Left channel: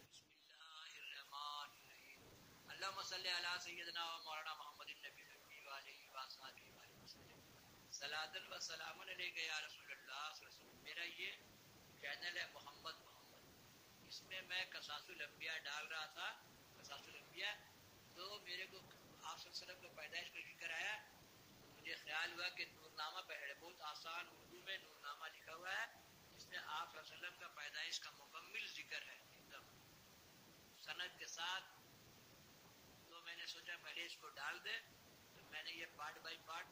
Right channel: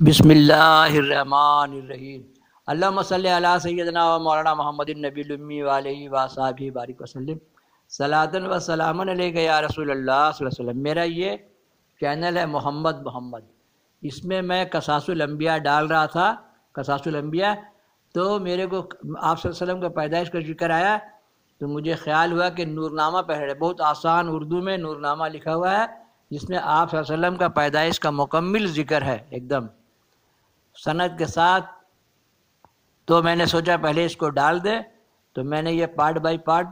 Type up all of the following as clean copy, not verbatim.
بسم اللہ الرحمن الرحیم۔ اللہم صلی علی سیدنا و مولانا محمد النبی الامی وعلیہ وصحبہ بارک وسلم۔ صلاۃ و سلام علیک یا رسول اللہ صلی اللہ علیہ وسلم۔ میرا یہ چینل ہے محمد، اس میں میں قصاص الانبیاء ڈال رہا تھا، قصاص الانبیاء، تو میرے کو آپ صلی اللہ علیہ وسلم کا پیدائش کا ذکر آیا تو مجھے خیال ہوا کہ نورنامہ پڑھے، بہت آسان اردو میں نورنامہ لکھا ہوا ہے جس میں آپ صلی اللہ علیہ وسلم کا پیدائش کا مکمل ذکر ہے، ایک دم سند کے ساتھ۔ تو میں نے سوچا پہلے اس کو ڈال دے، تو میں نے یہ پارٹ بائی پارٹ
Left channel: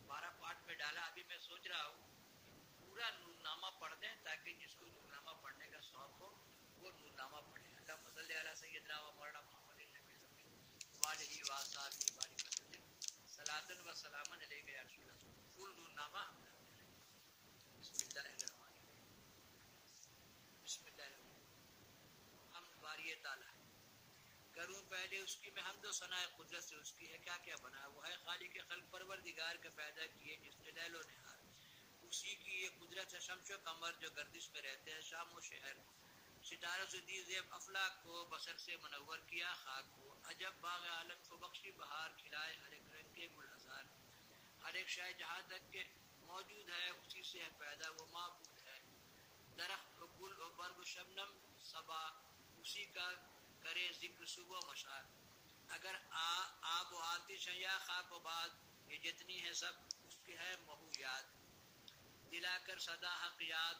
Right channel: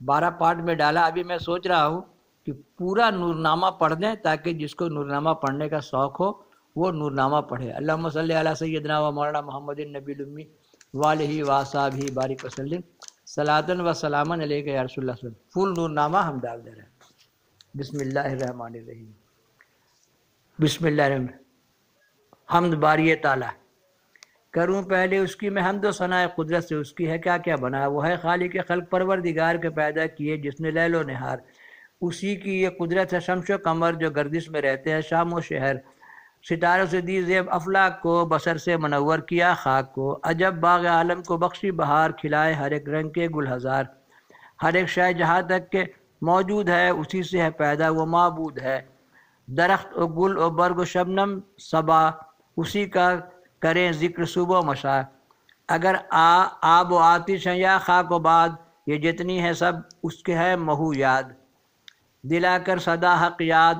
12 پارٹ میں ڈالا۔ ابھی میں سوچ رہا ہوں کہ پورا نورنامہ پڑھ دیں تاکہ جس کو نورنامہ پڑھنے کا شوق ہو وہ نورنامہ پڑھے۔ اللہم صلی علی سیدنا و مولانا محمد النبی الامی وعلیہ وصحبہ بارک وسلم۔ صلاۃ و سلام علیک یا رسول اللہ صلی اللہ علیہ وسلم۔ فل نورنامہ ہم ڈال دے رہے ہیں۔ بسم اللہ الرحمن الرحیم۔ بسم اللہ الرحمن۔ حمد باری تعالیٰ، کروں پہلے اس کی میں حمد و ثناء قدرت سے، اس کی ہے کیا کیا بنا۔ وہ ہے خالق خلق پروردگار کے پیدا کیے جس نے لیل و نہار، اسی کی یہ قدرت ہے شمس و قمر جو گردش میں رہتے ہیں شام و شہر۔ ستاروں سے دی زیب افلاک کو، بصر سے منور کیا خاک کو، عجب باغ عالم کو بخشی بہار، کھلائے ہر ایک رنگ کے گل ہزار۔ ہر ایک شے جہاں تک کہ موجود ہے اسی سے ہے پیدا وہ معبود ہے۔ درخت و گل و برگ و شبنم صبا، اسی کا کریں ذکر صبح و مساء۔ اگر آب و آتش ہیں یا خاک و باد، یہ جتنی ہے سب اس کے ہے مہو یاد۔ دلا کر صدا حق یاد،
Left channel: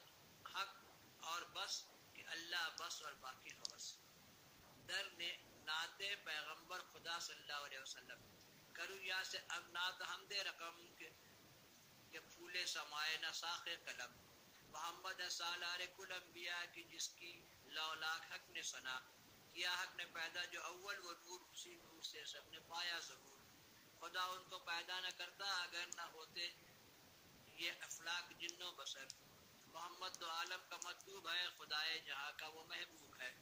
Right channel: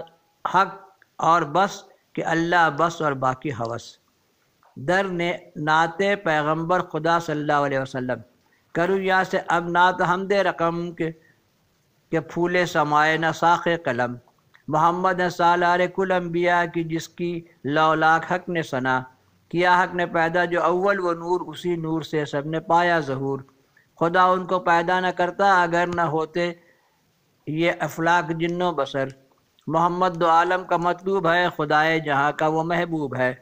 حق اور بس کہ اللہ بس اور باقی ہوس۔ در نعت پیغمبر خدا صلی اللہ علیہ وسلم، کروں یا سے اب نعت حمد رقم کہ پھولے سمائے نہ ساخ قلم۔ محمد سالار کل انبیاء کی جس کی لولاک حق نے ثنا کیا، حق نے پیدا جو اول وہ نور، اسی نور سے سب نے پایا ظہور۔ خدا ان کو پیدا نہ کرتا اگر نہ ہوتے یہ افلاک جن و بشر۔ محمد دو عالم کا مطلوب ہے، خدائے جہاں کا وہ محبوب ہے۔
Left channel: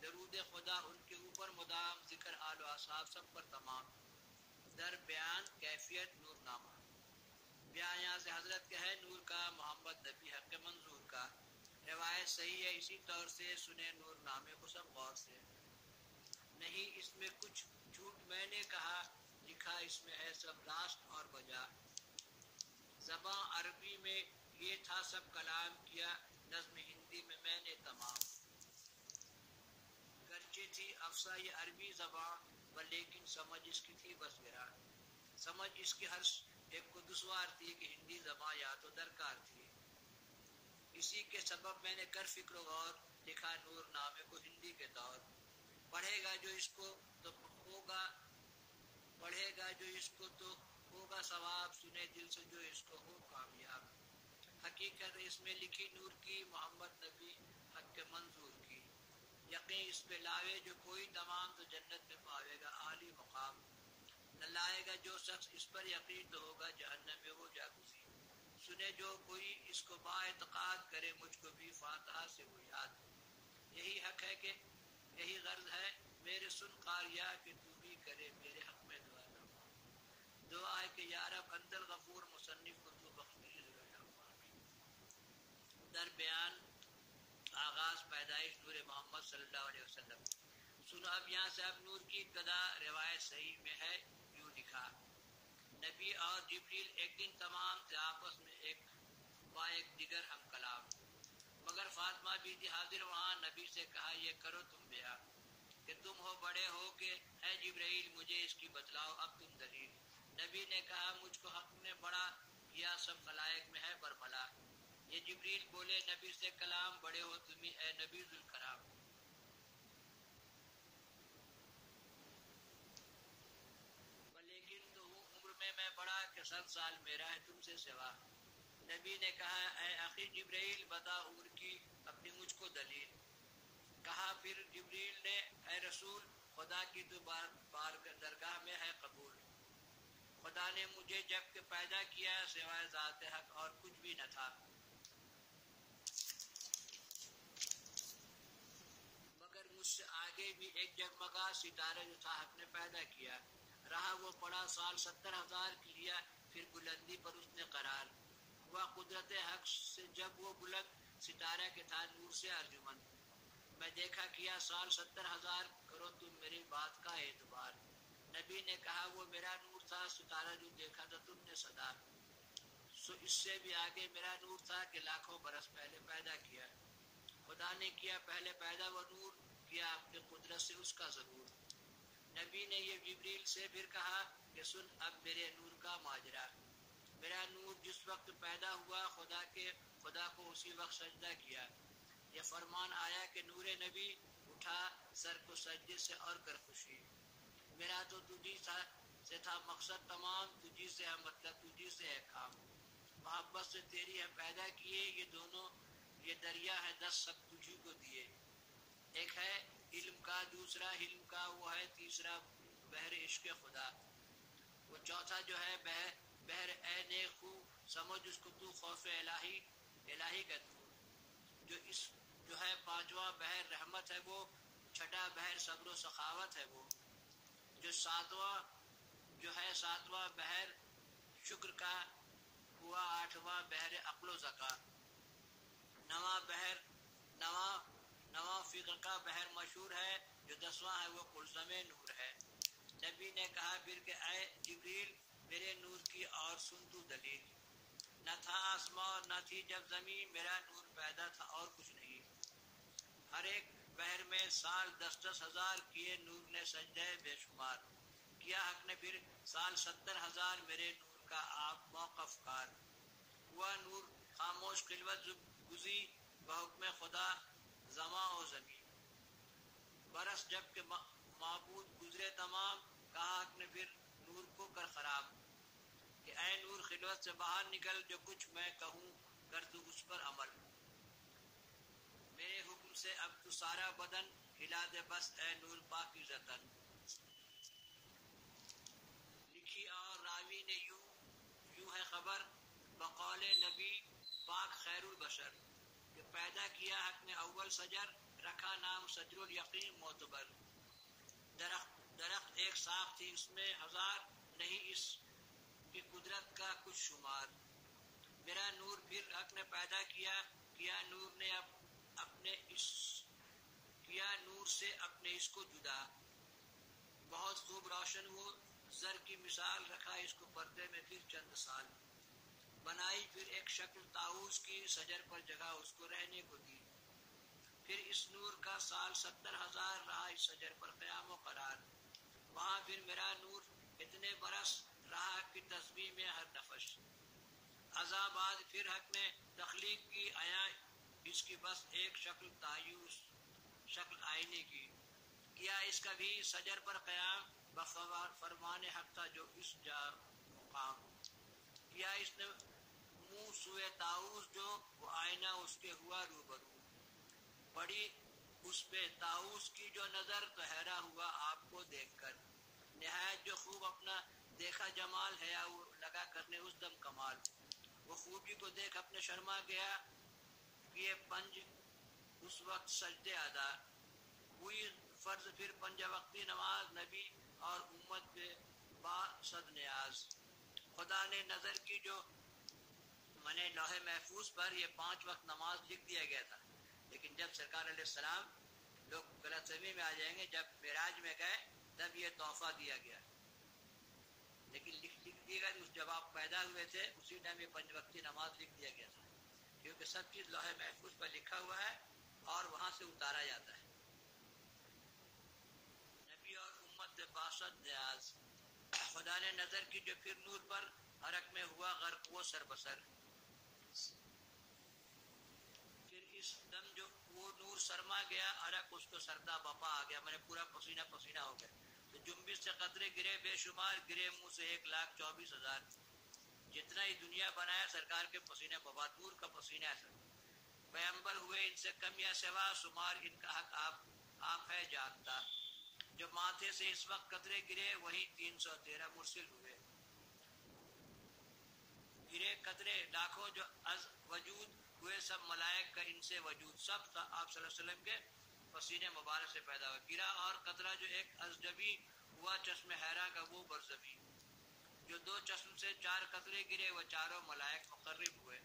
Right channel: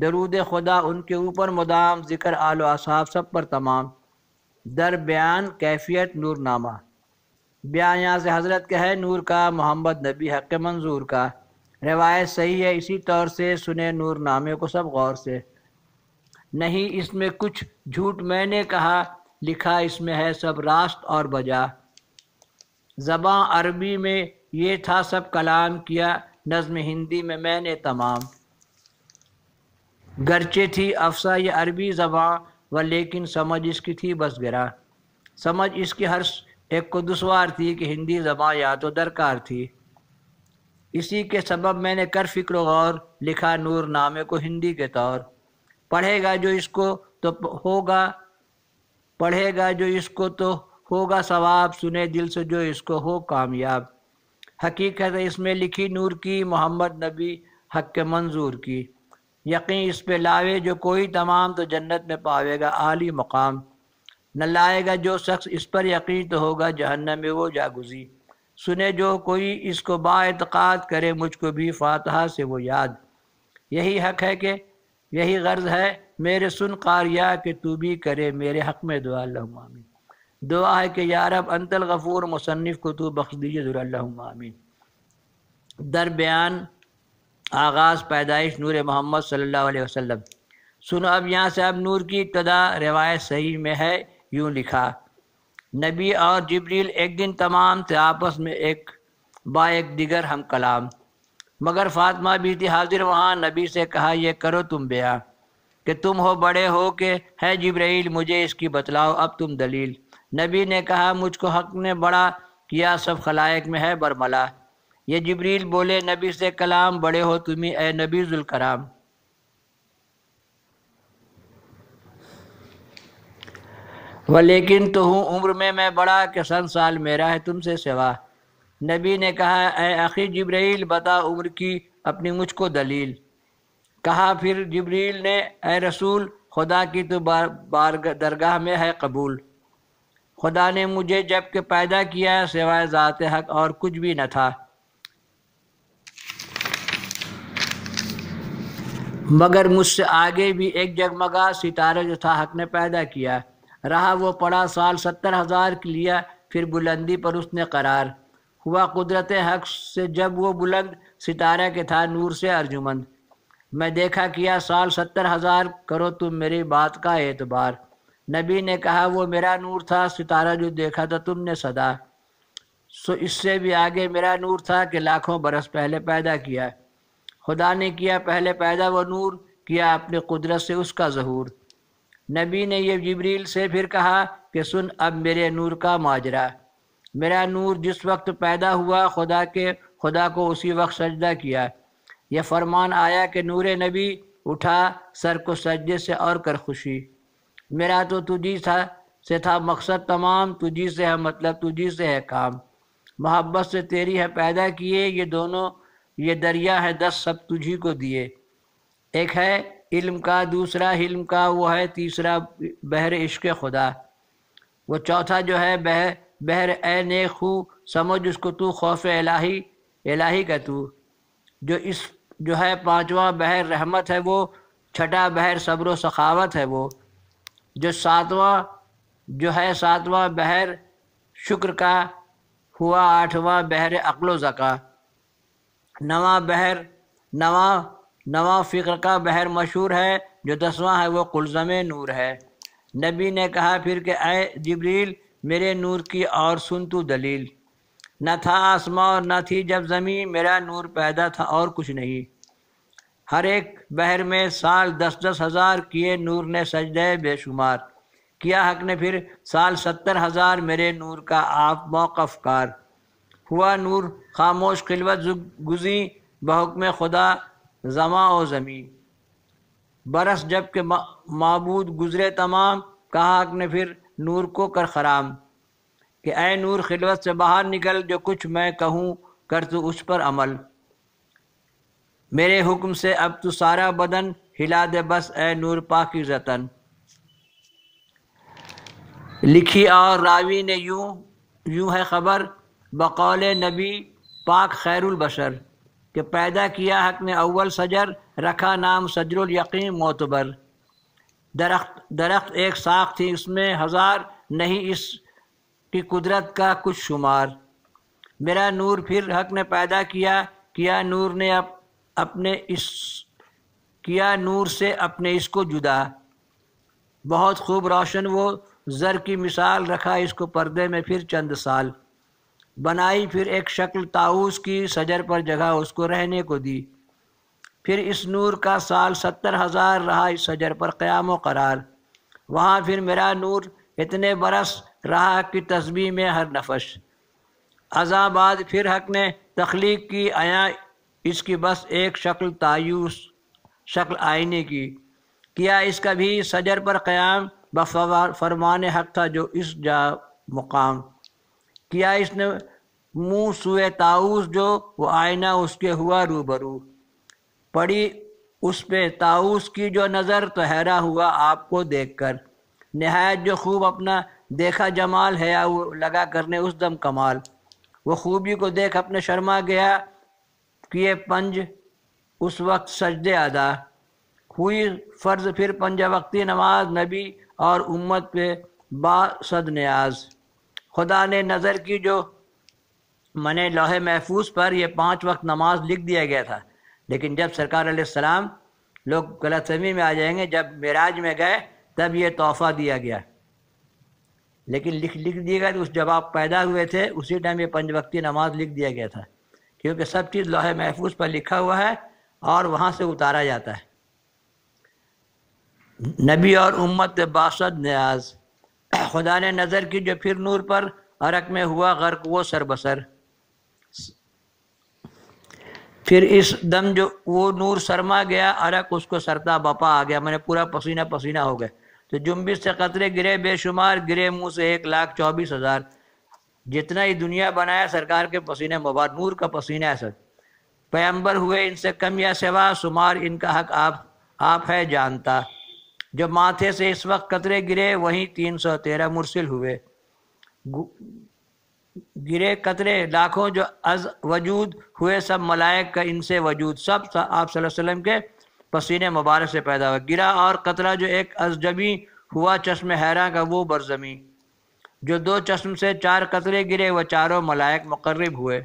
درود خدا ان کے اوپر مدام، ذکر آل و اصحاب سب پر تمام۔ در بیان کیفیت نور نامہ، بیان یہاں سے حضرت کا ہے نور کا، محمد نبی حق منظور کا۔ روایت صحیح ہے اسی طور سے، سنے نور نامے کو سب غور سے۔ نہیں اس میں کچھ جھوٹ میں نے کہا، لکھا اس میں ہے سب راست اور بجا۔ زباں عربی میں یہ تھا سب کلام کیا، نظم ہندی میں نے تمام۔ گرچہ تھی افصح یہ عربی زباں، و لیکن سمجھ اس کی تھی بس گرا۔ سمجھ اس کی ہر ایک کو دشوار تھی کہ ہندی زباں یا تو درکار تھی۔ اسی کے سبب میں نے کر فکر و غور، لکھا نور نامے کو ہندی کے طور۔ پڑھے گا جو اس کو تو ہوگا ثواب، سنے دل سے جو اس کو ہو کامیاب۔ حقیقت اس میں لکھی نور کی، محمد نبی حق کے منظور کی۔ یقین اس پہ لاوے جو کوئی تمام، تو جنت میں پاوے گا عالی مقام۔ نہ لائے گا جو شخص اس پر یقین، تو ہوگا جہنم میں وہ جاگزی۔ سنے جو کوئی اس کو با اعتقاد، کرے مجھ کو بھی فاتحہ سے وہ یاد۔ یہی حق ہے کہ یہی غرض ہے میرے سن قاریہ، کہ تو بھی کرے میرے حق میں دعا، اللہم آمین۔ دعا ہے کہ یا رب انت الغفور، مصنف کو تو بخش دیجئے ضرور، اللہم آمین۔ در بیان آغاز پیدائش نور محمد صلی اللہ علیہ وسلم۔ سنو اب یہاں سے اب نور کی ابتدا، روایت صحیح میں ہے یوں لکھا، نبی اور جبریل ایک دن تمام تھے آپس میں ایک دیگر ہم کلام۔ مگر فاطمہ بھی تھی حاضر وہاں، نبی سے کہا یہ کرو تم بیان، کہ تم ہو بڑے ہو کہ ہے جبریل، مجھے اس کی بتلاؤ اب تم دلیل۔ نبی نے کہا مجھ کو حق نے بڑا کیا، سب خلائق میں ہے برملا۔ یہ جبریل بولے نبی سے کلام، بڑے ہو تمہیں اے نبی ذوالکرام۔ ولیکن تو ہوں عمر میں بڑا، کہ 100 سال میرا ہے تم سے سوا۔ نبی نے کہا اے اخی جبریل، بتا عمر کی اپنی مجھ کو دلیل۔ کہا پھر جبریل نے اے رسول خدا کی تو درگاہ میں ہے قبول۔ خدا نے مجھے جب کہ پیدا کیا، سوائے ذات حق اور کچھ بھی نہ تھا، مگر مجھ سے آگے بھی ایک جگمگا ستارہ جو تھا حق نے پیدا کیا۔ رہا وہ پڑا سال 70,000 کے لیا، پھر بلندی پر اس نے قرار ہوا قدرت حق سے جب وہ بلند ستارہ کے تھا نور سے ارجمند۔ میں دیکھا کیا سال 70,000 کرو تم میری بات کا اعتبار۔ نبی نے کہا وہ میرا نور تھا ستارہ جو دیکھا تھا تم نے صدا، سو اس سے بھی آگے میرا نور تھا کہ لاکھوں برس پہلے پیدا کیا، خدا نے کیا پہلے پیدا وہ نور، کیا اپنی قدرت سے اس کا ظہور۔ نبی نے یہ جبریل سے پھر کہا کہ سن اب میرے نور کا ماجرا، میرا نور جس وقت پیدا ہوا خدا کو اسی وقت سجدہ کیا، یہ فرمان آیا کہ نور نبی اٹھا سر کو سجدے سے اور کر خوشی، میرا تو تجھی سے تھا مقصد تمام، تجھی سے ہے مطلب تجھی سے ہے کام، محبت سے تیری ہے پیدا کیے یہ دونوں، یہ دریا ہے 10 سب تجھی کو دیے، ایک ہے علم کا دوسرا حلم کا، وہ ہے تیسرا بحر عشق خدا، وہ چوتھا جو ہے بحر اے نیک خو، سمجھ اس کو تو خوف الہی کا تو، جو ہے پانچواں بحر رحمت ہے وہ، چھٹا بحر صبر و سخاوت ہے وہ، جو ہے ساتواں بحر شکر کا ہوا، آٹھواں بحر عقل و ذکا، نواں فکر کا بحر مشہور ہے، جو 10واں ہے وہ قلزم نور ہے۔ نبی نے کہا پھر کہ اے جبریل میرے نور کی اور سن تو دلیل، نہ تھا آسماں اور نہ تھی جب زمین، میرا نور پیدا تھا اور کچھ نہیں، ہر ایک بحر میں سال 10,000 کیے نور نے سجدے بے شمار، کیا حق نے پھر سال 70,000 میرے نور کا آپ موقف کار، ہوا نور خاموش خلوت گزی بحکم خدا زماں و زمین، برس جب کہ معبود گزرے تمام، کہا حق نے پھر نور کو کر خرام، کہ اے نور خلوت سے باہر نکل، جو کچھ میں کہوں کر تو اس پر عمل، میرے حکم سے اب تو سارا بدن ہلا دے بس اے نور پاکیزہ تن۔ لکھی اور راوی نے یوں ہے خبر بقول نبی پاک خیر البشر، کہ پیدا کیا حق نے اول شجر، رکھا نام شجر الیقین معتبر، درخت ایک ساخت تھی اس میں ہزار، نہیں اس کی قدرت کا کچھ شمار، میرا نور پھر حق نے پیدا کیا نور سے اپنے اس کو جدا، بہت خوب روشن وہ زر کی مثال، رکھا اس کو پردے میں پھر چند سال، بنائی پھر ایک شکل طاؤس کی، شجر پر جگہ اس کو رہنے کو دی، پھر اس نور کا سال 70,000 رہا اس شجر پر قیام و قرار، وہاں پھر میرا نور اتنے برس رہا کہ تسبیح میں ہر نفس، ازاں بعد پھر حق نے تخلیق کی آیا اس کی بس ایک شکل طاؤس، شکل آئینے کی، کیا اس کا بھی شجر پر قیام، فرمان حق تھا جو اس جا مقام، کیا اس نے منہ سوئے طاؤس جو، وہ آئینہ اس کے ہوا روبرو، پڑی اس پہ طاؤس کی جو نظر، تو حیران ہوا آپ کو دیکھ کر، نہایت جو خوب اپنا دیکھا جمال ہے، وہ لگا کرنے اس دم کمال، وہ خوبی کو دیکھ اپنے شرما گیا، کیے پنج اس وقت سجدے ادا، ہوئی فرض پھر 5 وقتی نماز، نبی اور امت پہ صد نیاز، خدا نے نظر کی جو منع لوح محفوظ پر، یہ 5 وقت نماز لکھ دیا گیا تھا، لیکن جب سرکار علیہ السلام، لوگ غلط فہمی میں آ جائیں گے، جب معراج میں گئے تب یہ تحفہ دیا گیا، لیکن لکھ دیا گیا، تو جب آپ پیدا ہوئے تھے اسی ٹائم یہ 5 وقتی نماز لکھ دیا گیا تھا، کیونکہ سب چیز لوح محفوظ پر لکھا ہوا ہے اور وہاں سے اتارا جاتا ہے۔ نبی اور امت باسد نیاز، خدا نے نظر کی جو پھر نور پر، عرق میں ہوا غرق وہ سر بسر، پھر اس دم جو وہ نور سرما گیا، عرق اس کو سرتا بپا آ گیا، میں نے پورا پسینہ پسینہ ہو گئے، تو جنبش سے قطرے گرے بے شمار، گرے منہ سے 1,24,000، جتنا ہی دنیا بنایا سرکار کے پسینے مبارک، نور کا پسینہ ہے سر، پیغمبر ہوئے ان سے کم یا سوا، شمار ان کا حق آپ ہے جانتا، جو ماتھے سے اس وقت قطرے گرے، وہیں 313 مرسل ہوئے، گرے قطرے لاکھوں جو از وجود ہوئے، سب ملائک کا ان سے وجود، سب آپ صلی اللہ علیہ وسلم کے پسینے مبارک سے پیدا ہوا، گرا اور قطرہ جو ایک از جبی ہوا، چشم حیراں کا وہ برزمی، جو 2 چشم سے 4 قطرے گرے، وہ چاروں ملائک مقرب ہوئے،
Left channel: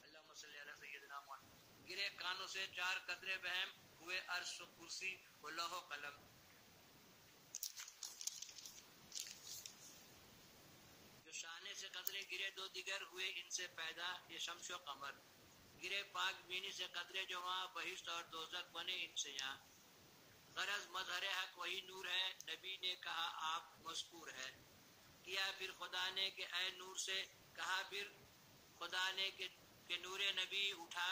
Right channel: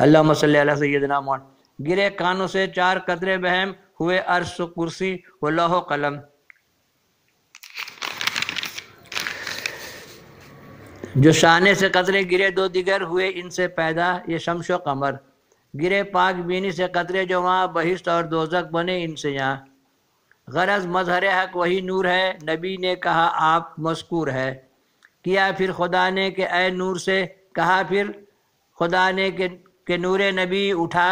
اللہم صلی علی سیدنا محمد۔ گرے کانوں سے 4 قطرے بہم ہوئے عرش و کرسی و لوح و قلم۔ جو شانے سے قطرے گرے 2 دیگر ہوئے ان سے پیدا یہ شمس و قمر۔ گرے پاک بینی سے قطرے جو وہاں بہشت اور دوزخ بنے ان سے یہاں۔ غرض مظہر حق وہی نور ہے، نبی نے کہا آپ مذکور ہے۔ کیا پھر خدا نے کہ اے نور سے، کہا پھر خدا نے کہ نور نبی اٹھا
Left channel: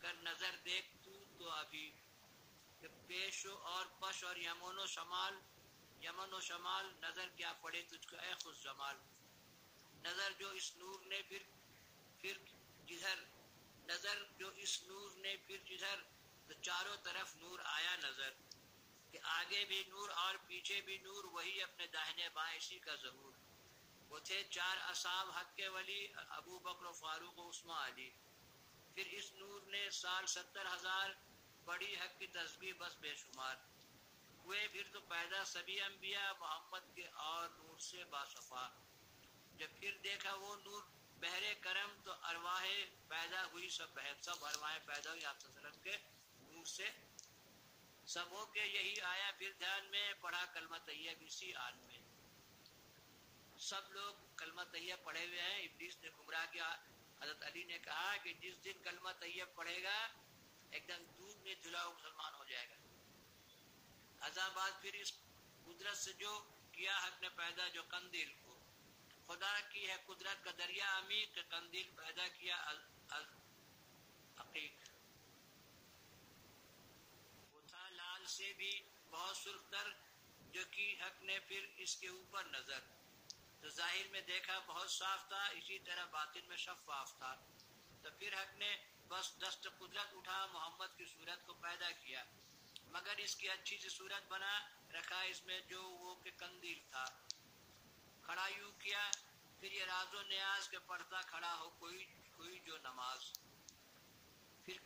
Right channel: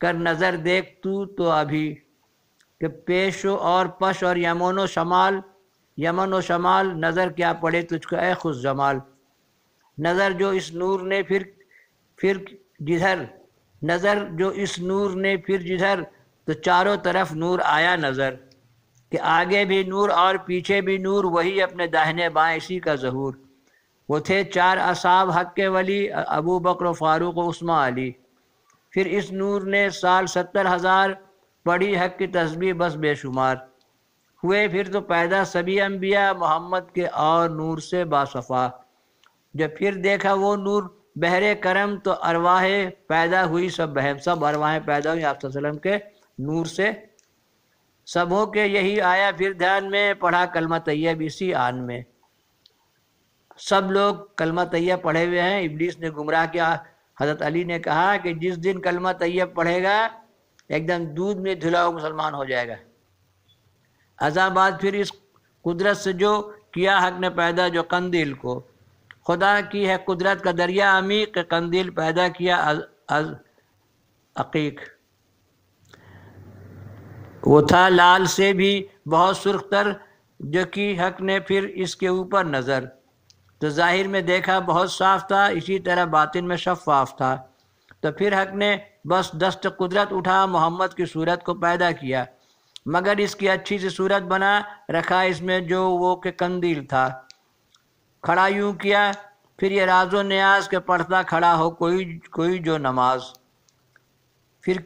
کر نظر دیکھ تو ابھی، کہ پیش اور پش اور یمن و شمال نظر کیا پڑے تجھ کو اے خوش جمال۔ نظر جو اس نور نے پھر جدھر تو چاروں طرف نور آیا نظر، کہ آگے بھی نور اور پیچھے بھی نور، وہی اپنے داہنے بائیں اسی کا ظہور۔ وہ تھے 4 اصحاب حق کے ولی، ابو بکر و فاروق و عثمان علی۔ پھر اس نور نے سال 70,000 پڑھی حق کی تسبیح بس بے شمار۔ ہوئے پھر تو پیدا سبھی انبیاء محمد کے اور نور سے باصفا۔ جب پھر دیکھا وہ نور بحر کرم تو ارواح پیدا ہوئی سب بہم، سب ارواحیں پیدا ہوئی آپ صلی اللہ علیہ وسلم کے نور سے۔ سبوں کے یہی آیا پھر دھیان میں، پڑھا کلمہ طیب اسی آن میں۔ سب لوگ کلمہ طیب پڑھے ہوئے ہیں، ابلیس نے گمراہ کیا۔ حضرت علی نے کہا کہ جس دن کلمہ طیب پڑھے گا ایک دم دودھ میں دھلا ہوا مسلمان ہو جائے گا۔ ازاں بعد پھر اس قدرت سے جو کیا حق نے پیدا جو قندیل کو، خدا کی ہے قدرت کا دریا عمیق، قندیل پیدا کیا از عقیق۔ وہ تھا لال سے بھی بہت سرخ تر، جو کی حق نے پھر اس کے اوپر نظر، تو ظاہر میں دیکھا بہت صاف تھا، اسی طرح باطن میں شفاف تھا۔ تو پھر حق نے بس دست قدرت اٹھا محمد کی صورت کو پیدا کیا، مگر اس کی اچھی سی صورت بنا رکھا اس میں جو وہ کہ قندیل تھا۔ کھڑا یوں کیا پھر یہ راز و نیاز کے پڑھتا کھڑا ہو کوئی جو نماز۔ پھر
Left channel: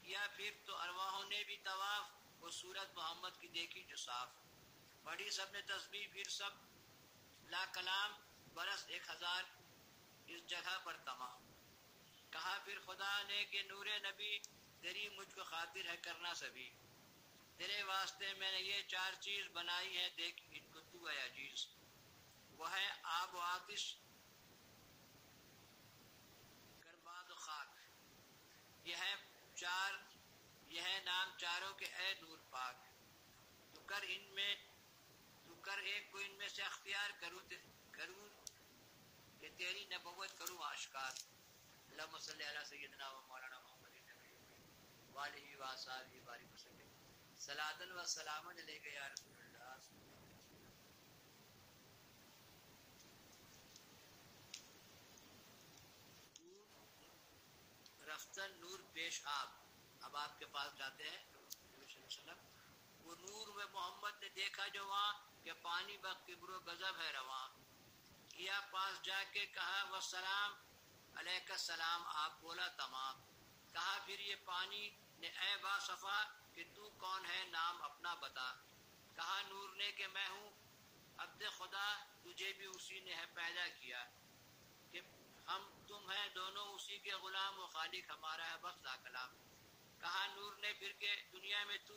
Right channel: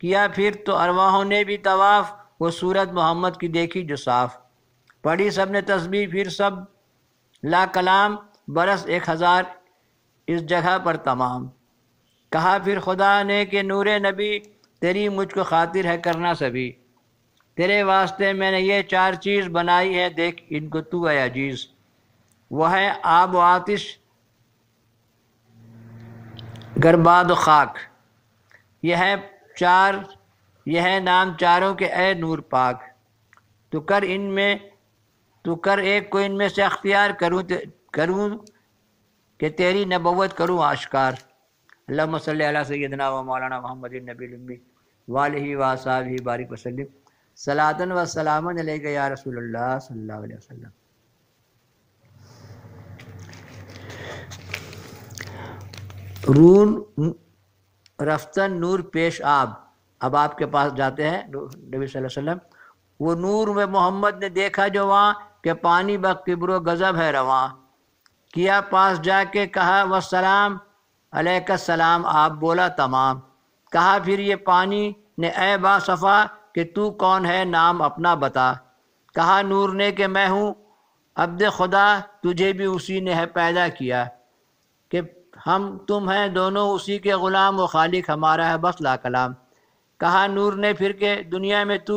کیا تو ارواحوں نے بھی طواف، وہ صورت محمد کی دیکھی جو صاف۔ پڑھی سب نے تسبیح پھر سب لا کلام، برس 1000 اس جگہ پر تمام۔ کہا پھر خدا نے کہ نور نبی تیری مجھ کو خاطر ہے کرنا سبھی، تیرے واسطے میں نے یہ 4 چیز بنائی ہے دیکھ ان کو تو اے عزیز۔ وہ ہے آب و آتش، گرباد و خاک، یہ ہے نام چاروں کے اے نور پاک۔ تو کر ایک کو ان میں سے اختیار کروں کہ تیری نبوت کروں آشکار۔ اللہم صلی علی سیدنا و مولانا محمد النبی الامی وآلہ وصحبہ بارک وسلم صلاۃ و سلام علیک یا رسول اللہ صلی اللہ علیہ وسلم۔ رون رفتن نور پیش آب، اب آپ کے پاس جاتے ہیں نبی صلی اللہ علیہ وسلم۔ وہ نور میں محمد نے دیکھا جو وہاں، کہ پانی بکبر و غضب ہے رواں۔ کیا پاس جا کے کہا والسلام علیک السلام، آپ بولا تمام۔ کہا پھر یہ پانی نے اے با صفا کہ تو کون ہے نام اپنا بتا۔ کہا نور نے کہ میں ہوں عبد خدا، تجھے بھی اسی نے ہے پیدا کیا، کہ ہم تم ہیں دونوں اسی کے غلام، و خالق ہمارا ہے بس لا کلام۔ کہا نور نے پھر کہ دنیا میں تو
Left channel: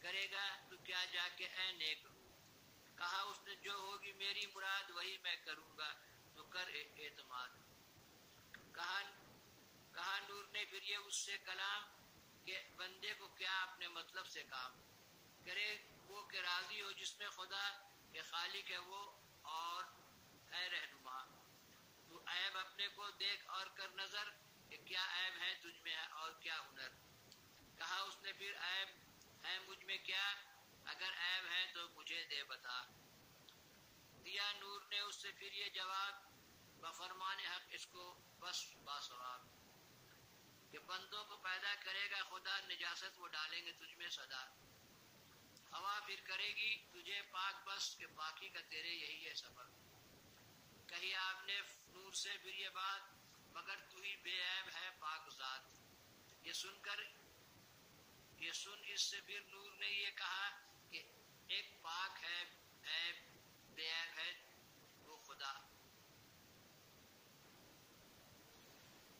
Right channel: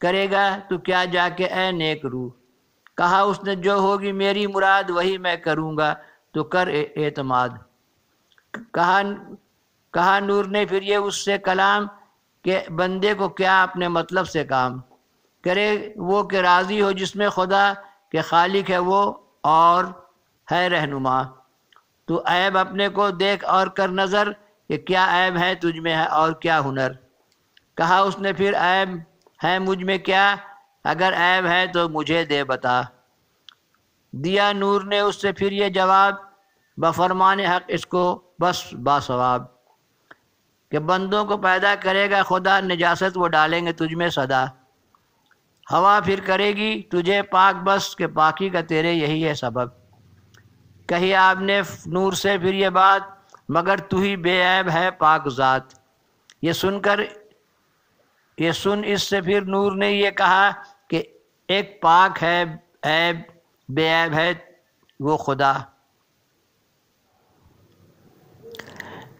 کرے گا تو کیا جا کے اے نیک روح۔ کہا اس نے جو ہوگی میری مراد وہی میں کروں گا تو کر اعتماد۔ کہا نور نے پھر یہ اس سے کلام کہ بندے کو کیا اپنے مطلب سے کام کرے، وہ کہ راضی ہو جس میں خدا کہ خالق ہے وہ اور ہے رہنما۔ تو عیب اپنے کو دیکھ اور کر نظر، کہ کیا عیب ہے تجھ میں ہے اور کیا ہنر۔ کہا اس نے پھر عیب ہے مجھ میں کیا، اگر عیب ہے تو مجھے دے بتا۔ دیا نور نے اس سے پھر یہ جواب، بفرمان حق اس کو بس باثواب، کہ بندوں کو پیدا کرے گا خدا، نجاست وہ ڈالیں گے تجھ میں صدا۔ ہوا پھر کرے گی تجھے پاک بس، کہ پاکی کا تیرے یہی ہے سبب۔ کہی آپ نے نور سے پھر یہ بات، مگر تو ہی بے عیب ہے پاک ذات۔ یہ سن اس سے پھر نور نے یہ کہا کہ ایک پاک ہے عیب بے عیب ہے وہ خدا۔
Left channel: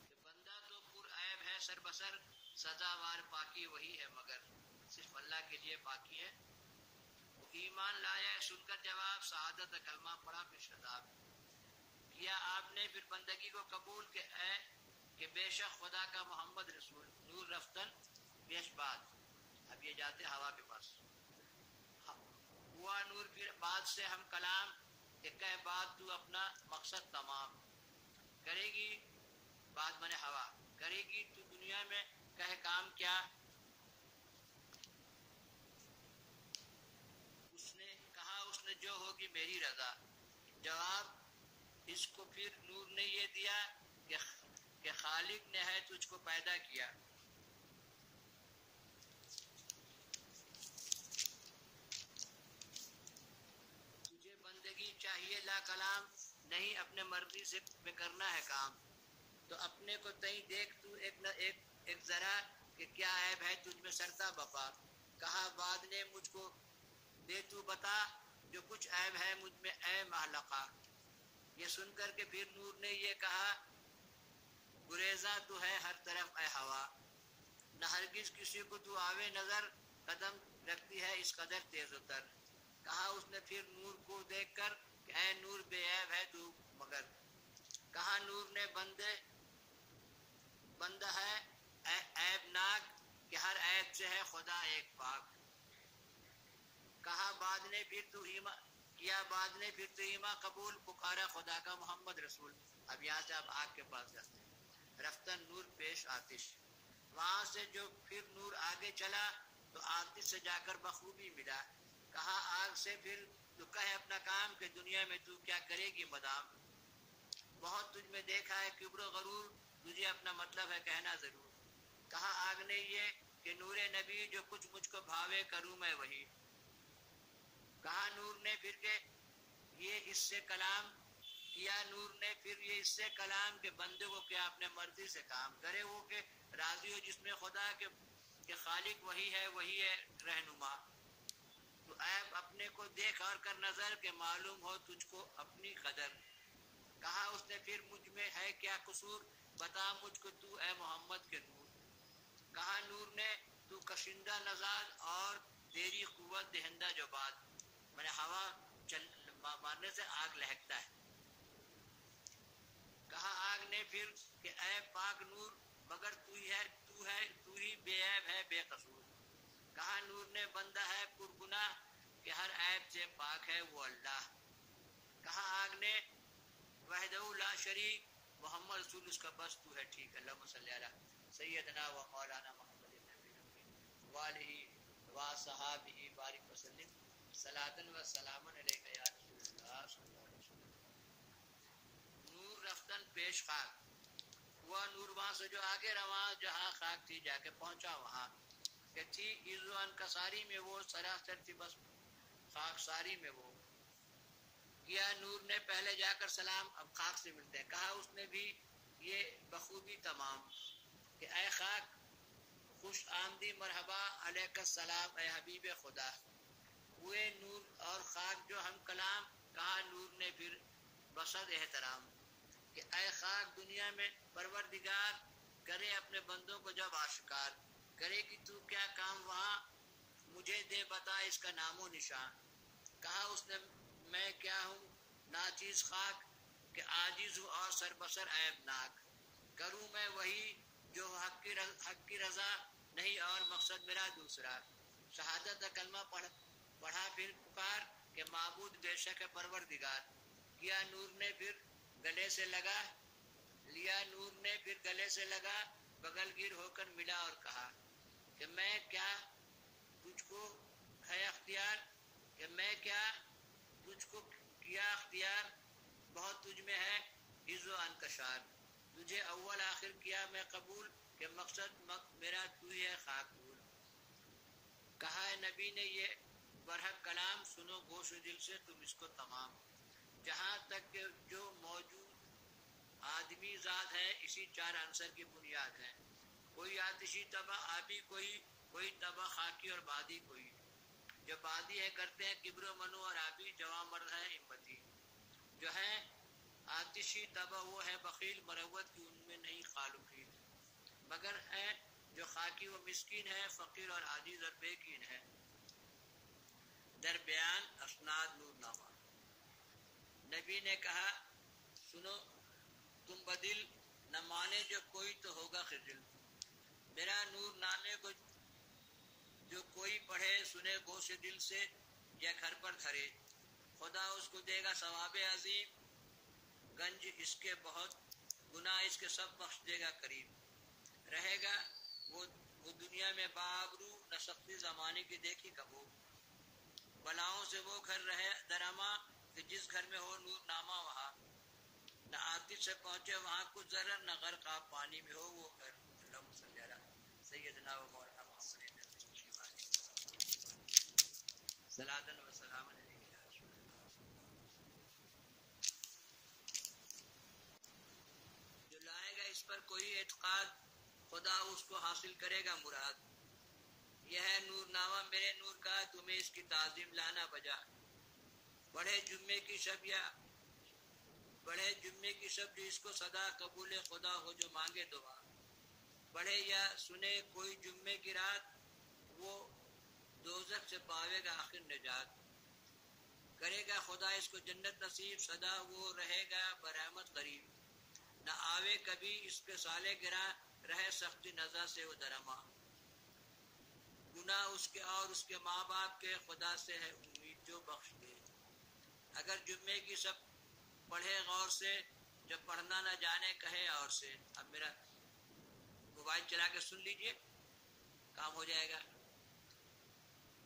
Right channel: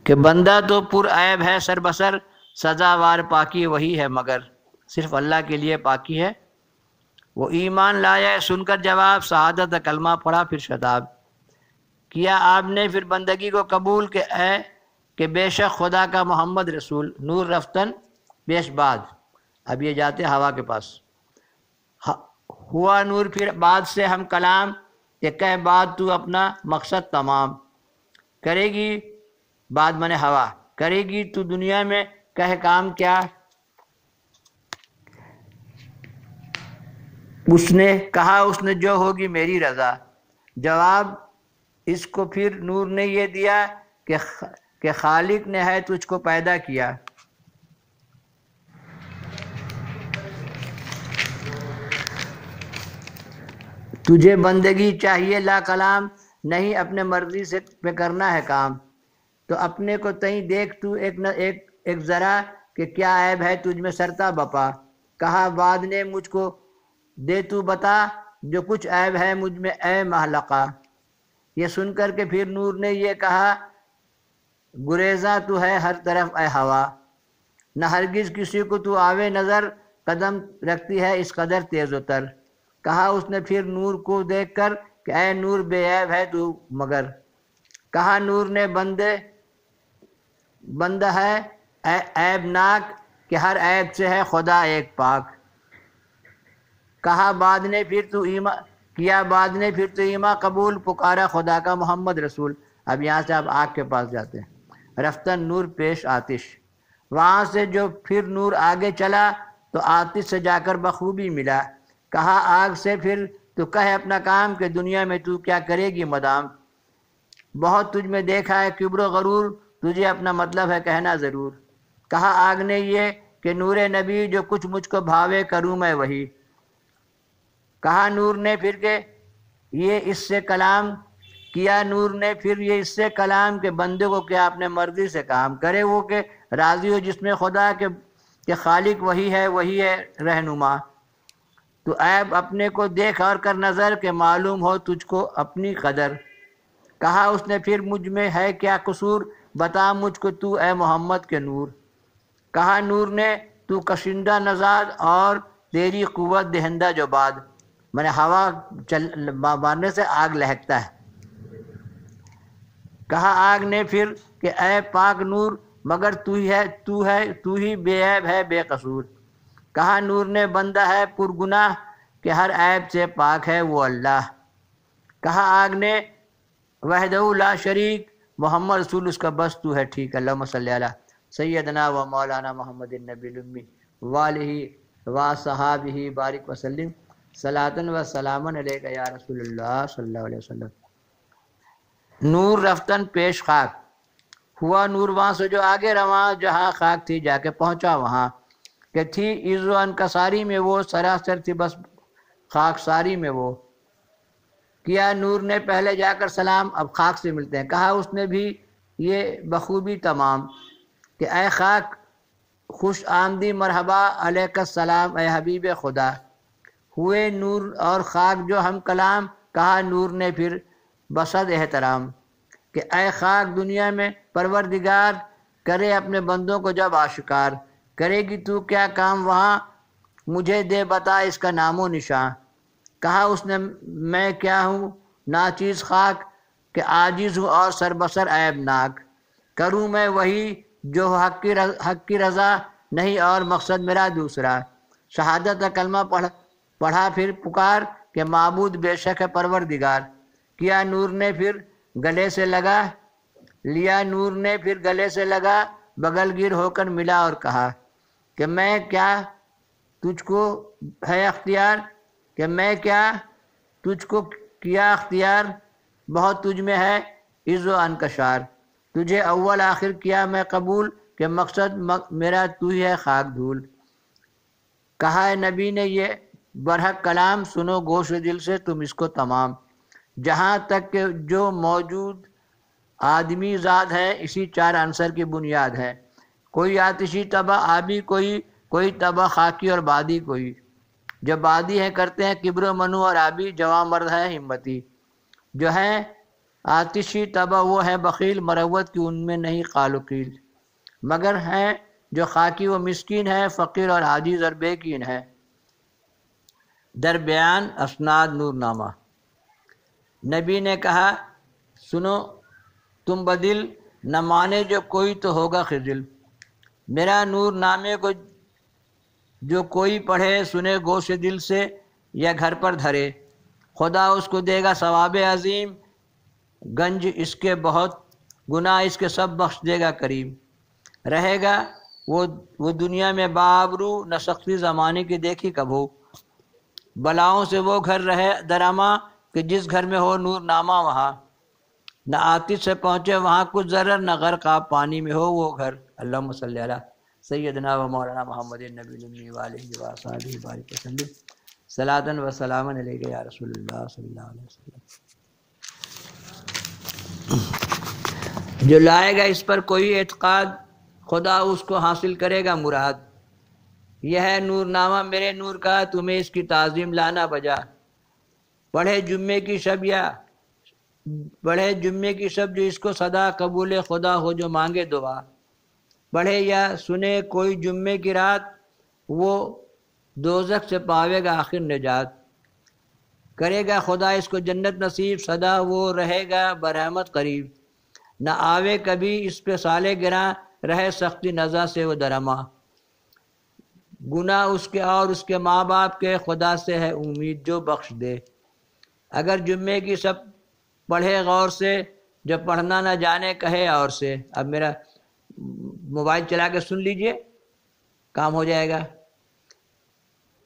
کہ بندہ تو پر عیب ہے سر بسر، سزاوار پاکی وہی ہے مگر صرف اللہ کے لیے پاکی ہے۔ وہ ایمان لایا سن کر جواب، شہادت کلمہ پڑھا پھر شتاب کیا آپ نے پھر بندگی کو قبول کہ بے شک خدا کا محمد رسول، نور رفتن پیش بعد۔ اب یہ جاتے ہوا کے پاس، ہوا نور پھر بعد سے ہم کلام، کہ کہہ بعد تو اپنا مقصد تمام، کرے گی بعد من ہوا، کرے گی تو دنیا میں کہہ کام کیا؟ اس نے کہا اس نے جو ہوگی میری رضا، جواب اس کو پھر نور نے یہ دیا کہ خالق نے ہے تجھ کو پیدا کیا۔ تجھے بندگی چاہیے لا کلام، نہیں اپنے مرضی سے پہ کرنا ہے کام، تو اپنے کو تئیں دیکھ تو ایک ذرا کہ کیا عیب ہے تجھ میں سرتا بپا، کہا بعد نے مجھ کو دے تو بتا، جو کچھ عیب ہے مجھ میں اے محلقہ۔ یہ سن کر کے پھر نور نے یہ کہا، گریزاں تو ہے ہر طرف اے ہوا، نہ ہرگز کسی کو تو آوے نظر، قدم رکھتی ہے اس قدر تیز و تر۔ کہا اس نے پھر نور کو دیکھ کر کہ اے نور بے عیب ہے تو مگر، کہا نور نے بندہ ہے عیب ناک، کہ ہر عیب سے ہے خدا ایک پاک۔ کہا بعد نے پھر تو ایمان قبول، پکارا خدا کا محمد رسول۔ اب یہاں سے آپ آگ کے پاس جاتے ہیں، رفتن نور پیش آتش، وہاں سے جو پھر نور آگے چلا تو آتش سے جا کر بخوبی ملا۔ کہا آگ سے پھر تو کہے اپنا کام، کہ دنیا میں تو کیا کرے گی مدام، بہت تجھ میں دیکھا ہے کبر و غرور، تجھے اپنا مطلب ہے کہنا ضرور۔ کہا آگ نے یہ کہ نور نبی، جو کچھ مجھ کو بھاوے کروں میں وہی۔ کہا نور نے پھر کہ یہ اس سے کلام کیا، نور نے پھر یہ اس سے کلام، کہ بندے کو کیا اپنے مرضی سے کام کرے وہ، کہ راضی ہو جس میں خدا کہ خالق وہی ہے رہنما۔ تو عیب اپنے کو دیکھ اور کر نظر، کہ معلوم ہو تجھ کو اپنی قدر۔ کہا اس نے پھر مجھ میں ہے کیا قصور، بتا مجھ کو تو اے محمد کے نور۔ کہا نور نے تو کشندہ نژاد، اور تیری قوت دہندہ جو بعد، میں ہوا مارنے سے آگ لہکتا ہے۔ کہا آگ نے پھر کہ اے پاک نور، مگر تو ہی بے عیب ہے بے قصور۔ کہا نور نے بندہ ہے پرگناہ، کہ ہر عیب سے پاک ہے وہ اللہ۔ کہا آگ نے وحدہ لا شریک، محمد رسول اس کا بس تو ہے ٹھیک۔ اللہم صلی علی سیدنا و مولانا محمد النبی الامی والہ و صحابہ بارک وسلم، صلاۃ و سلام علیک یا رسول اللہ صلی اللہ علیہ وسلم۔ نور رفتن پیش خاک، ہوا نور وہاں سے جو آگے رواں، جہاں خاک تھی جا کے پہنچا وہاں، کہ تھی عز و انکساری میں وہ، سراسر تھی بس خاک ساری میں وہ۔ کیا نور نے پہلے جا کر سلام، اب خاک سے ملتے ہیں۔ کہا اس نے بھی یہ بخوبی تمام، کہ اے خاک خوش آمدی مرحبا، علیک السلام اے حبیب خدا۔ ہوئے نور اور خاک جو ہم کلام، کہا نور نے پھر بصد احترام، کہ اے خاک دنیا میں پروردگار، کرے اپنے بندوں کو جب آشکار، کرے گی تو کیا کام وہاں، مجھے دے بتا اس کا نام و نشان۔ کہا اس نے میں کیا ہوں ناچیز خاک، کہ عاجز ہوں اور سر بسر عیب ناک، کروں میں وہی جو حق کی رضا، نہیں اور مقصد میرا دوسرا۔ شہادت کلمہ پڑھا پھر پکار، کہ معبود بے شک ہے پروردگار۔ کیا نور نے پھر گلے سے لگا، لیا نور نے پھر گلے سے لگا، بغل گیر ہو کر ملا اور کہا، کہ میں کیا تجھ کو ہے اختیار، کہ میں کیا تجھ کو کیا اختیار، بہت تجھ میں ہے عز و انکشار، تجھے اول آخر کیا میں قبول، کہ مقصد میرا تو ہی ہے خاک دھول۔ کہا ہے نبی نے یہ برحق کلام، سنو گوش دل سے تم اس کو تمام، جہاں تک کہ جو موجود آدمی ذات ہے، اسی چار عنصر کی بنیاد ہے، کوئی آتشی طبع آبی، کوئی طبع خاکی اور بادی کوئی، جو بادی ہیں کرتے ہیں کبر و منو اور آبی، جواں مرد ہے ہمتی، جو ہیں آتشی طبع وہ ہے بخیل، مروت کی ان میں نہیں قال و قیل، مگر ہیں جو خاکی و مسکین ہے، فقیر اور عاجز اور بے کین ہے۔ در بیان اسناد نور نامہ۔ نبی نے کہا سنو تم بدل نہ مانے جو کوئی تو ہوگا خجل، میرا نور نامے کو جو کوئی پڑھے سنے گوش دل سے یا گھر پر دھرے، خدا اس کو دے گا ثواب عظیم، گنج اس کے بہت، گناہ اس کے سب بخش دے گا کریم، رہے گا وہ دنیا میں بابرو، نہ سختی زمانے کی دیکھی کبھو، بلاؤں سے وہ گھر رہے درما کہ جس گھر میں ہو نور نامہ وہاں، نہ آتش سے پہنچے وہاں کچھ ضرر، نہ غرق آب پانی میں ہو وہ گھر۔ اللہم صلی علی سیدنا و مولانا محمد النبی الامی وآلہ وصحبہ بارک وسلم، صلاۃ و سلام علیک یا رسول اللہ صلی اللہ علیہ وسلم۔ جو لائے گا اس پر کوئی اعتقاد، خدا اس کو حاصل کرے گا مراد، یہ ہے نور نامہ میرے نور کا، تمہیں اس کی تعظیم لانا بجا، پڑھے جمعے کی شب جو اس کو صدا قبول خدا ہو جو مانگے دعا، پڑھے یا سنے کوئی جمعے کی رات، وہ دوزخ سے پاوے گا آخر نجات، کرے گا خدا اس کو جنت نصیب، سدا وہ رہے گا برحمت قریب، نہ آوے کبھی اس پہ سالے گراں، رہے سختی نزا سے وہ درما، گناہ اس کے اور اس کے ماں باپ کے، خدا سے ہے امید جو بخش دے، اگر جمعے کی سب پڑھے غور سے، جو پڑھنا نہ جانے کہے اور سے۔ اب میرا موبائل چلا کے سن لیجئے، کام ہو جائے گا،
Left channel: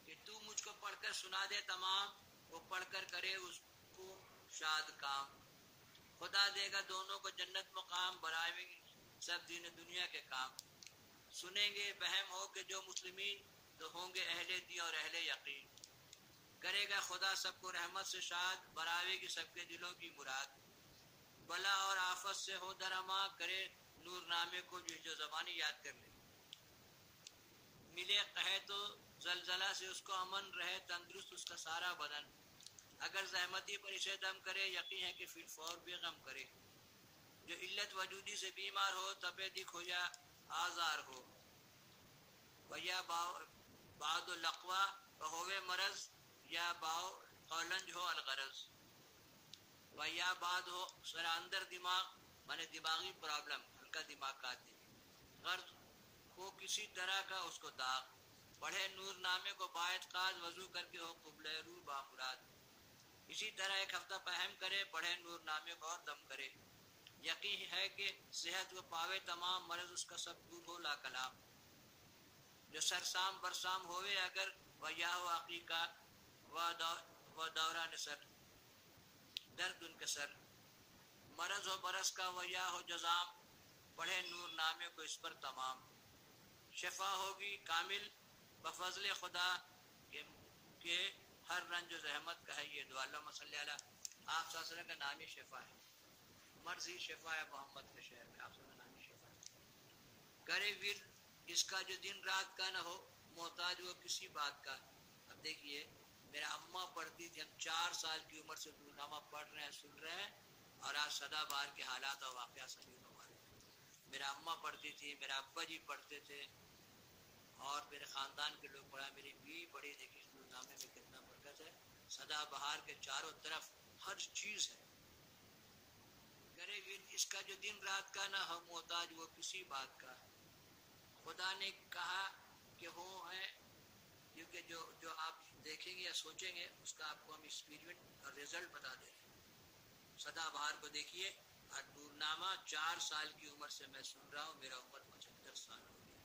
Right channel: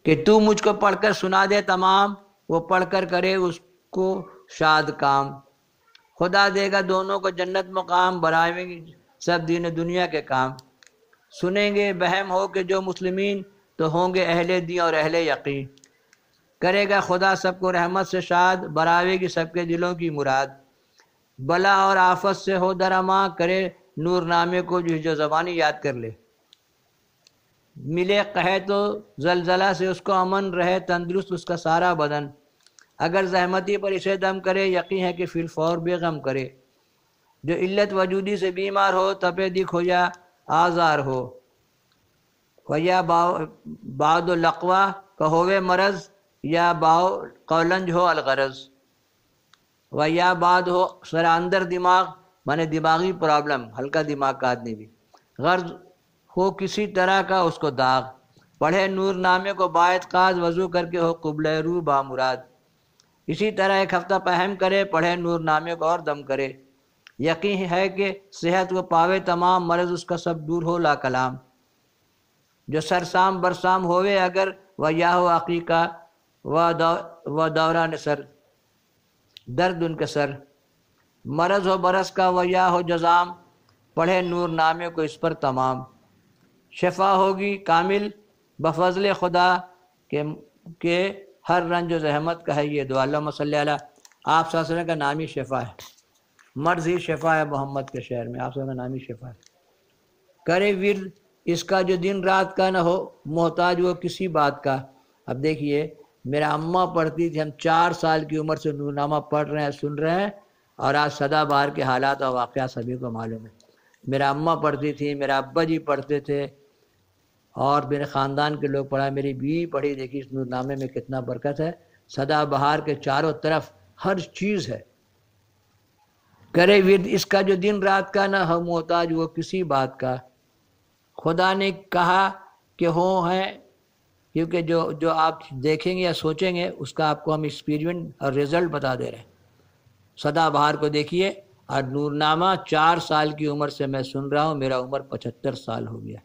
کہ تو مجھ کو پڑھ کر سنا دے تمام، وہ پڑھ کر کرے اس کو شاد کام، خدا دے گا دونوں کو جنت مقام، برائیں گے سب دین دنیا کے کام، سنیں گے بہم ہو کہ جو مسلمین، تو ہوں گے اہل دین اور اہل یقین، کرے گا خدا سب کو رحمت سے شاد، براوے گی سب کے دلوں کی مراد، بلا اور آفت سے ہو درما، کرے نور نامے کو جو زبانی یاد کر لے، ملے قحط تو زلزلہ سے اس کو امن، رہے تندرست اس کا سارا بدن، اگر زحمتی پر اسے دم کرے، یقین ہے کہ فی الفور بے غم کرے، جو علت وجودی سے بیمار ہو، تپے دکھ ہو یا آزار ہو، ویا بعد لقوا کہ ہووے مرض، یا باؤ قولنج ہو الغرض، ویا بعد ہو سر اندر دماغ، مانے دماغی پرابلم، ہلکا دماغ کا آدمی بھی، غرض ہو کسی طرح کا اس کو داغ، پڑھے نور نامے کو باعتقاد، وضو کر کے ہو قبلہ رو بامراد، اسی طرح ایک ہفتہ پہم کرے، پڑھے نور نامے کو اور دم کرے، یقین ہے کہ صحت وہ پاوے تمام، مرض اس کا سب دور ہو لا کلام، جو سرسام برسام ہووے اگر، و یا ہو عقیقہ و دوران سر، درد ان کے سر، مرض ہو برس کا و یا ہو جزام، پڑھے نور نامے کو اس پر تمام، شفا ہوگی کامل بفضل خدا کہ ہر رنج و زحمت کا ہے یہ دعا۔ اللہم صلی علی، آپ صلی اللہ علیہ وسلم کا نام ہی شفا ہے، مرض ہی شفا ہے محمد کے شہر میں، آپ صلی اللہ علیہ وسلم کا نام ہی شفا ہے، کرے ورد اس کا جو دن رات کا نہ ہو محتاج وہ کسی بات کا۔ اب دیکھیے میرا اماں پڑھتی تھی، ہم 4 سال کی عمر سے نور نامہ پڑھ رہے ہیں، سن رہے ہیں، اور آج سدا بہار کے حالات اور واقعات سبھی کو معلوم ہے۔ میرا اماں پڑھتی تھی، میرا ابا جی پڑھتے تھے، اور میرے خاندان کے لوگ پڑھا، میری بیوی پڑھی، دیکھی اس نور نامے میں کتنا برکت ہے، سدا بہار کے چاروں طرف ہر چیز ہے، کرے ورد اس کا جو دن رات کا نہ ہو محتاج وہ کسی بات کا، خدا نے کہا کہ ہوں ہیں، کیونکہ جو آپ دیکھیں گے یا سوچیں گے اس کا آپ کو ہم ایکسپیریمنٹ اور رزلٹ بتا دے رہے ہیں۔ سدا بہار کو دیکھیے، اور نور نامہ 4 سال کی عمر سے میں سن رہا ہوں، میرا عمر 75 سال ہو گیا،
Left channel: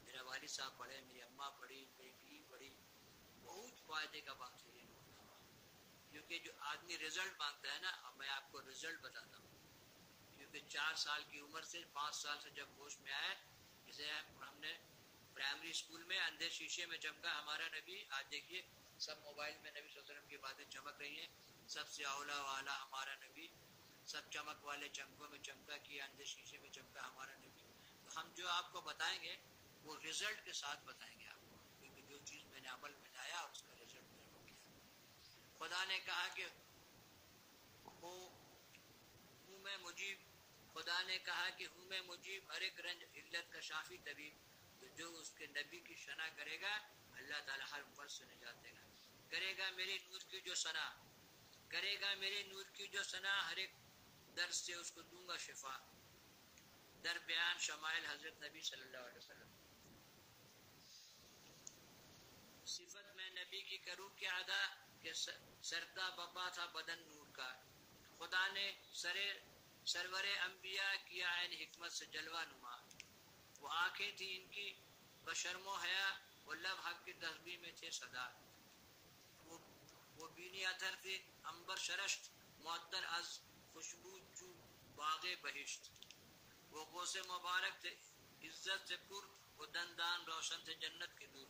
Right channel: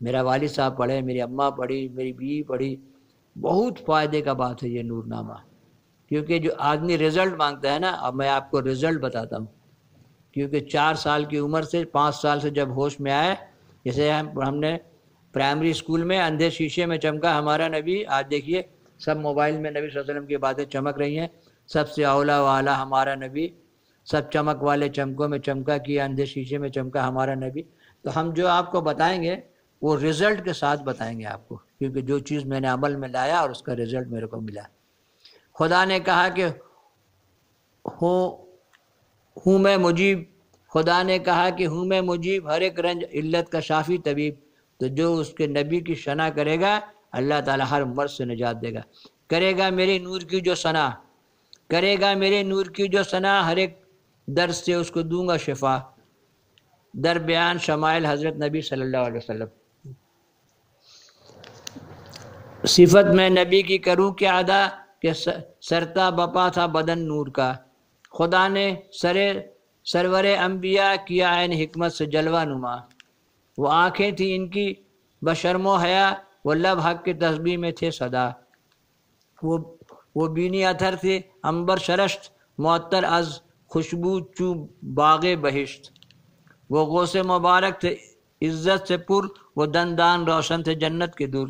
میرا والد صاحب پڑھے، میری اماں پڑھی، میری بیوی پڑھی، بہت فائدے کا بات ہے یہ نور نامہ، کیونکہ جو آدمی رزلٹ مانگتا ہے نا، اب میں آپ کو رزلٹ بتاتا ہوں، کیونکہ 4 سال کی عمر سے 5 سال سے جب ہوش میں آئے، جیسے ہم نے پرائمری اسکول میں اندھے شیشے میں چمکا ہمارا نبی، آج دیکھیے سب موبائل میں نبی صلی اللہ علیہ وسلم کی باتیں چمک رہی ہیں، سب سے اولا والا ہمارا نبی، سب چمک والے چمکوں میں چمکا کیا، اندھے شیشے میں چمکا ہمارا نبی، تو ہم جو آپ کو بتائیں گے وہ رزلٹ کے ساتھ بتائیں گے آپ کو، کیونکہ جو چیز میں نے عمل میں لایا اور اس کا رزلٹ میرے کو ملا۔ خدا نے کہا کہ ہو ہوں میں مجیب، خدا نے کہا کہ ہوں میں مجیب، ہر ایک رنج علت کا شافی طبیب، تو جو اس کے نبی کی شنا کرے گا اللہ تعالیٰ ہر مرض سے نجات دے گا۔ کرے گا میرے نور کی جو ثنا، کرے گا میرے نور کی جو ثنا، ہر ایک درد سے اس کو دوں گا شفا۔ در بیان شمائل حضرت نبی صلی اللہ علیہ وسلم۔ صفت میں نبی کی کروں کیا ادا کہ سرتا بپا تھا بدن نور کا، خدا نے سرور انبیاء کیا عین حکمت سے جلوہ نما۔ وہ آنکھیں تھیں ان کی بشرم و حیا، وہ لب حق کے تسبیح میں تھے صدا۔ وہ بینی اتھر تھے عنبر شرشت، معطر از خوشبو چو باغ بہشت۔ وہ غوث مبارک تھے عزت سے پر، وہ دندان روشن تھے جنت کے در۔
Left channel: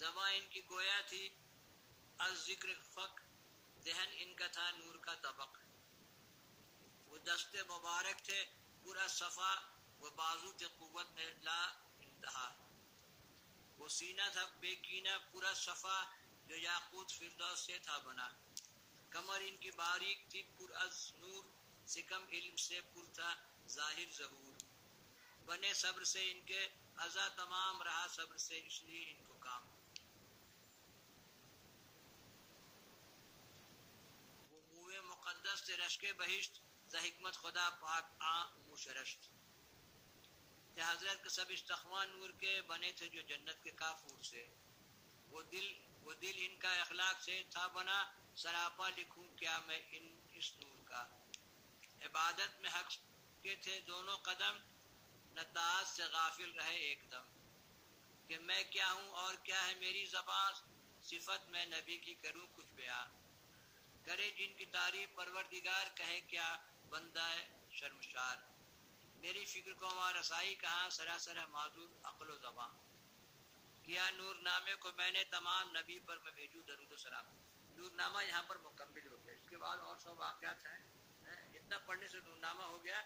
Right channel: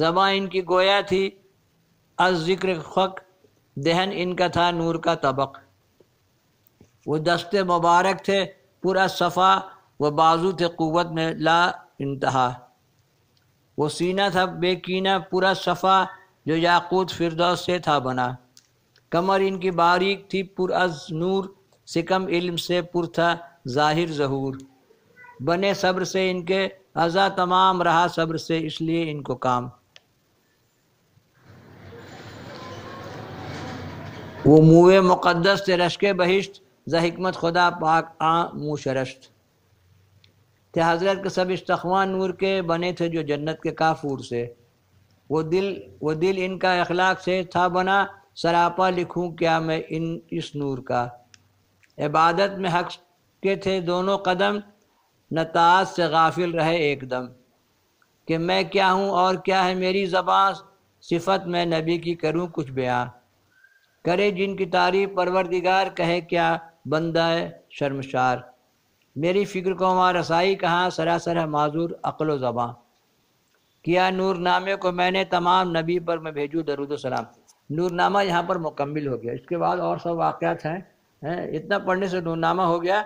زباں ان کی گویا تھی از ذکر حق، دہن ان کا تھا نور کا طبق۔ وہ دست مبارک تھے پر از صفا، وہ بازو تھے قوت میں لا انتہا۔ وہ سینہ تھا بے کینہ پر از صفا، جو یاقوت فردوس سے تھا بنا۔ کمر ان کی باریک تھی پر از نور، سکم علم سے پر تھا ظاہر ظہور۔ بنے صبر سے ان کے عزا تمام، رہا صبر سے اس لیے ان کو کام۔ وہ موئے مقدس تھے رشک بہشت، ز حکمت خدا پاک منہ شرشت۔ تھے حضرت کے سب استخوان نور کے، بنے تھے جو جنت کے کافور سے۔ وہ دل ان کا اخلاق سے تھا بنا، سراپا لکھوں کیا میں اس نور کا۔ عبادت میں حق کے تھے دونوں قدم، نہ طاعت سے غافل رہے ایک دم۔ کہ میں کیا ہوں اور کیا ہے میری زباں، صفت میں نبی کی کروں کچھ بیان۔ کرے جن کی تعریف پروردگار، کہے کیا بندہ شرمشار۔ میری فکر کو وہاں رسائی کہاں، سراسر ہے معذور عقل و زباں۔ کیا نور نامے کو میں نے تمام، نبی پر میں بھیجوں درود و سلام۔ نور نامہ یہاں پر مکمل ہو گیا، اس کے بعد اور سب واقعات ہیں، اتنا پڑھنے سے نور نامہ ہو گیا۔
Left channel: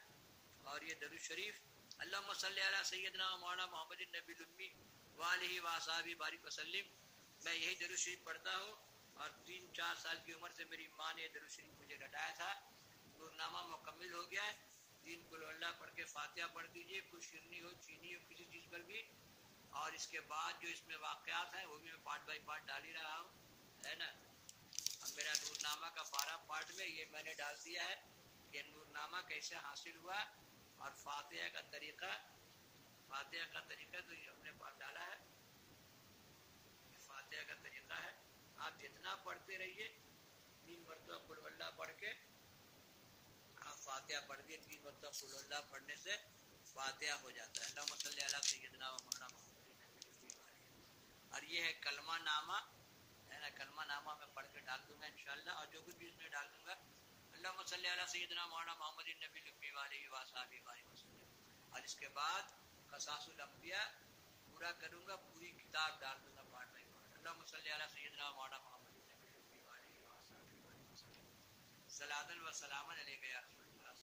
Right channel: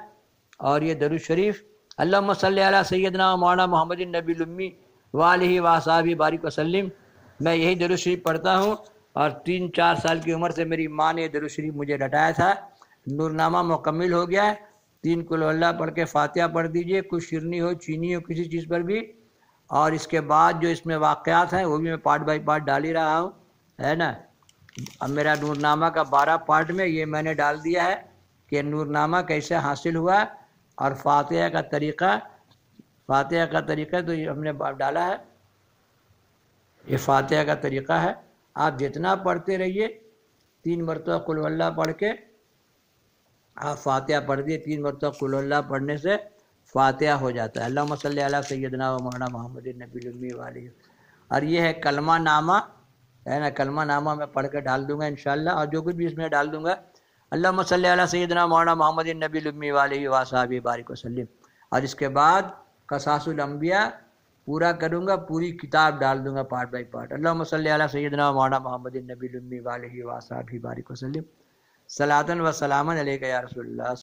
اور یہ درود شریف، اللہم صلی علی سیدنا و مولانا محمد النبی الامی وآلہ وصحبہ بارک وسلم۔ میں یہی درود شریف پڑھتا ہوں، اور 3-4 سال کی عمر سے میری ماں نے یہ درود شریف مجھے رٹایا تھا۔ نور نامہ مکمل ہو گیا ہے۔ 3 قل ہو اللہ پڑھ کے فاتحہ پڑھ دیجئے، کچھ شیرنی ہو چینی ہو کسی چیز پر بھی، اور اس کے بعد جو اس میں واقعات ہیں وہ بھی میں پارٹ بائی پارٹ ڈال ہی رہا ہوں، ہے نا۔ اب میرا نور نامہ کا 12 پارٹ میں یہ میں نے ڈال دیا ہے کہ نور نامہ کیسے حاصل ہوا، اور فاتحہ کا طریقہ تو یہ ہم نے ڈالا ہے، یہ فاتحہ کا طریقہ ہے۔ آپ جتنا پڑھتے رہیے، 3 مرتبہ قل ہو اللہ پڑھ کے آپ فاتحہ پڑھ دیے، 3 مرتبہ قل ہو اللہ پڑھنے سے فاتحہ ہو جاتا ہے۔ اللہم صلی علی سیدنا و مولانا محمد النبی الامی والہ۔ اور یہ ہے کلمہ نامہ، ہے نا، کلمہ نامہ میں پڑھ کے ڈال دوں گا انشاءاللہ، اور جو کچھ بھی اس میں ڈال دوں گا۔ اللہم صلی علی سیدنا مولانا محمد النبی الامی والہ وصحبہ بارک وسلم۔ اور اس کے بعد قصاص الانبیاء پورا کروں گا، پوری کتاب ڈال دوں گا پارٹ بائی پارٹ۔ اللہم صلی علی سیدنا مولانا محمد النبی الامی والہ وصحبہ بارک وسلم۔ صلاۃً و سلاماً علیک یا رسول اللہ۔